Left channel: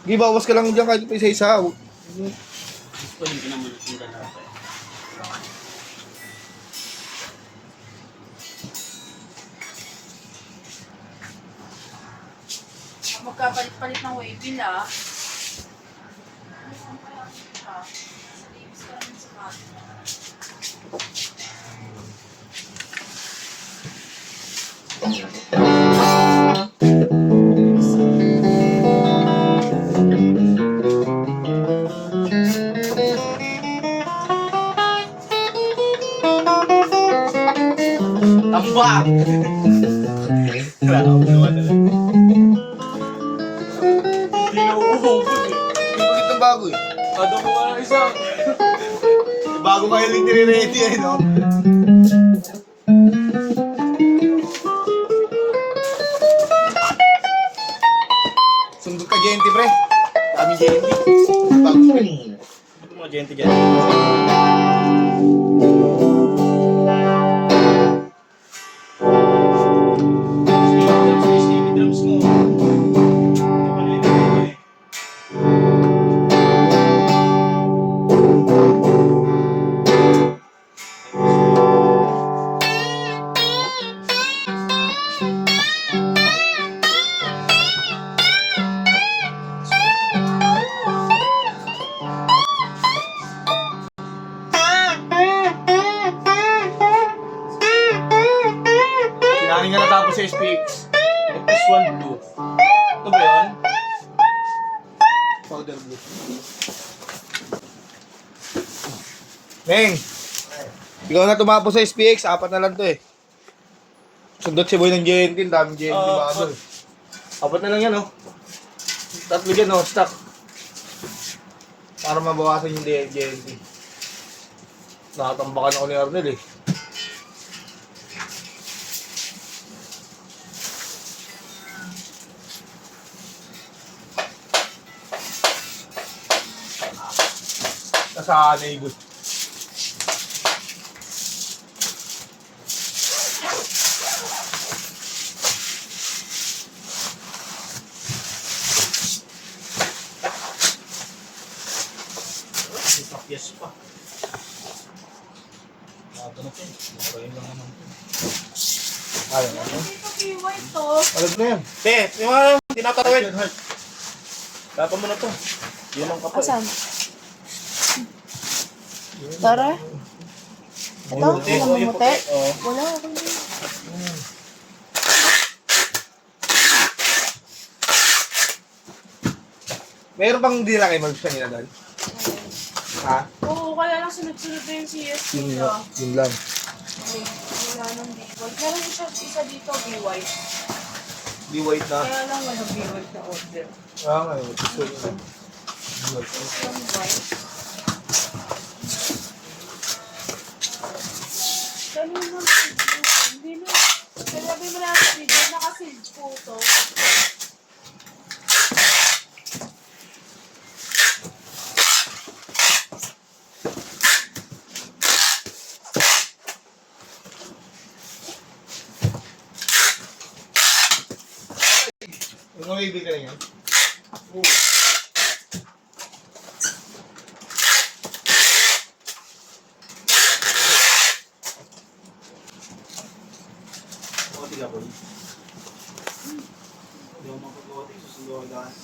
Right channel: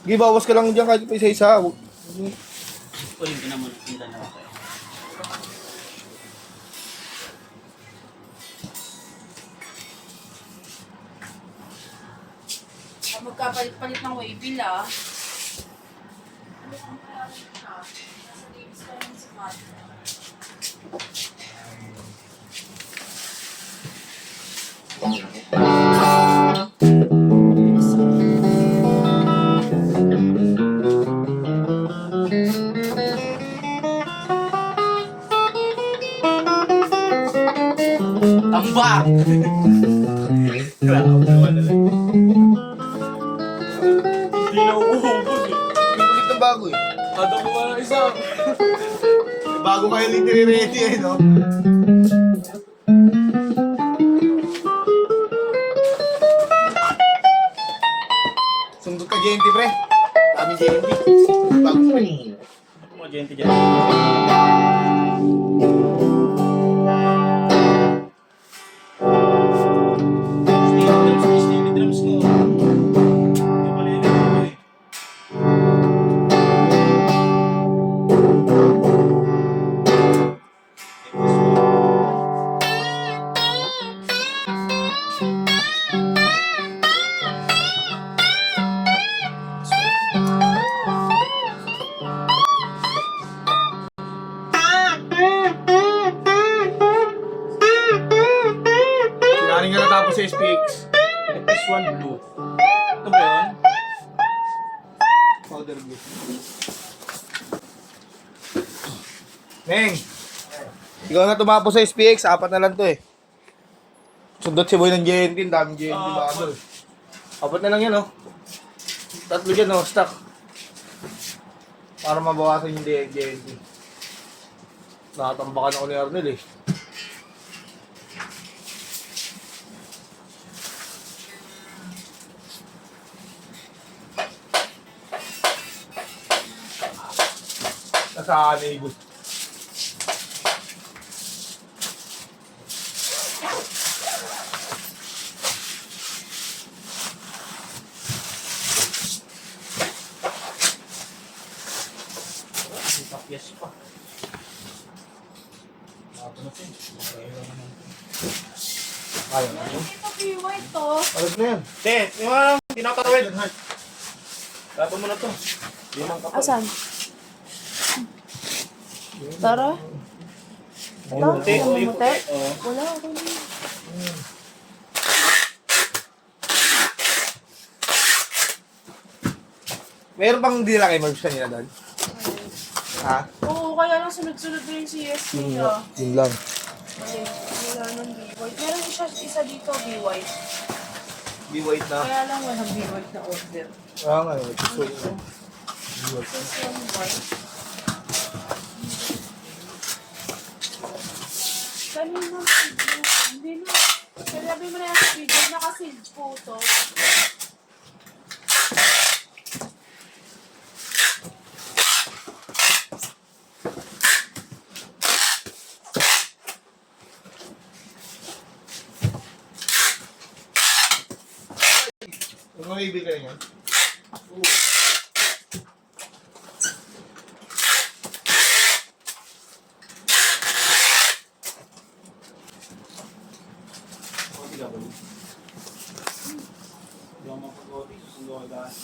Sige, bawas ka lang dyan kahit pa isa-isa. Kunin ko naman yung na tayo. Magkapalit-palit ng waybill ah. Tambak! Wala ako naman na lang. Hindi na uuhugod eh. Hindi ulit ng bago eh. Kada mo ka isa. Bago kayo lang nire-ready eh, no? Sundot ka, Genti, pre. Dami Genti. Bago pa eh. Mga gente dyan. Steely drums mo. Hindi pala yun ako eh. Sinaning na natapos sa SPX. FS1 Blue. Ito ba yun? Powder blue. Meng! Ikaw na tumapos sa SPX, 4 na lang to eh. Sundot si Boy ng Gentil, daming Gentil ba ano? 4 na lang yan oh. 3 dyan oh, stock. Para mabawasan yung Gentil. Nakatambakan ako ni Arnel eh. Nasaan eh, Igus? Yes pa. Ayaw na yun. Ito, ito. Alam na yan. Te, yung mga tinatawid. Dapat mo na to. Yun ang kapal. Asan? Tara. Ito, namumuti. Wala, okay na. Meron bang hindi na kayo mag-gusto nila doon? Ha? Oo, kaya lang sunod-sunod na yung CSP na. Yun lang. Okay, wala nang B-White. Meron isa dito, B-White. Be white na. Kaya lang walang B-White na order. Ah, nga yun. Gusto nyo. This one white. Kanina video. Hindi na. Sabi mo na sa video, naka-sealed photo. Yung mga ibig ka rin yan? Oo. Hindi ako mapag-otis. Susunod ako lahat.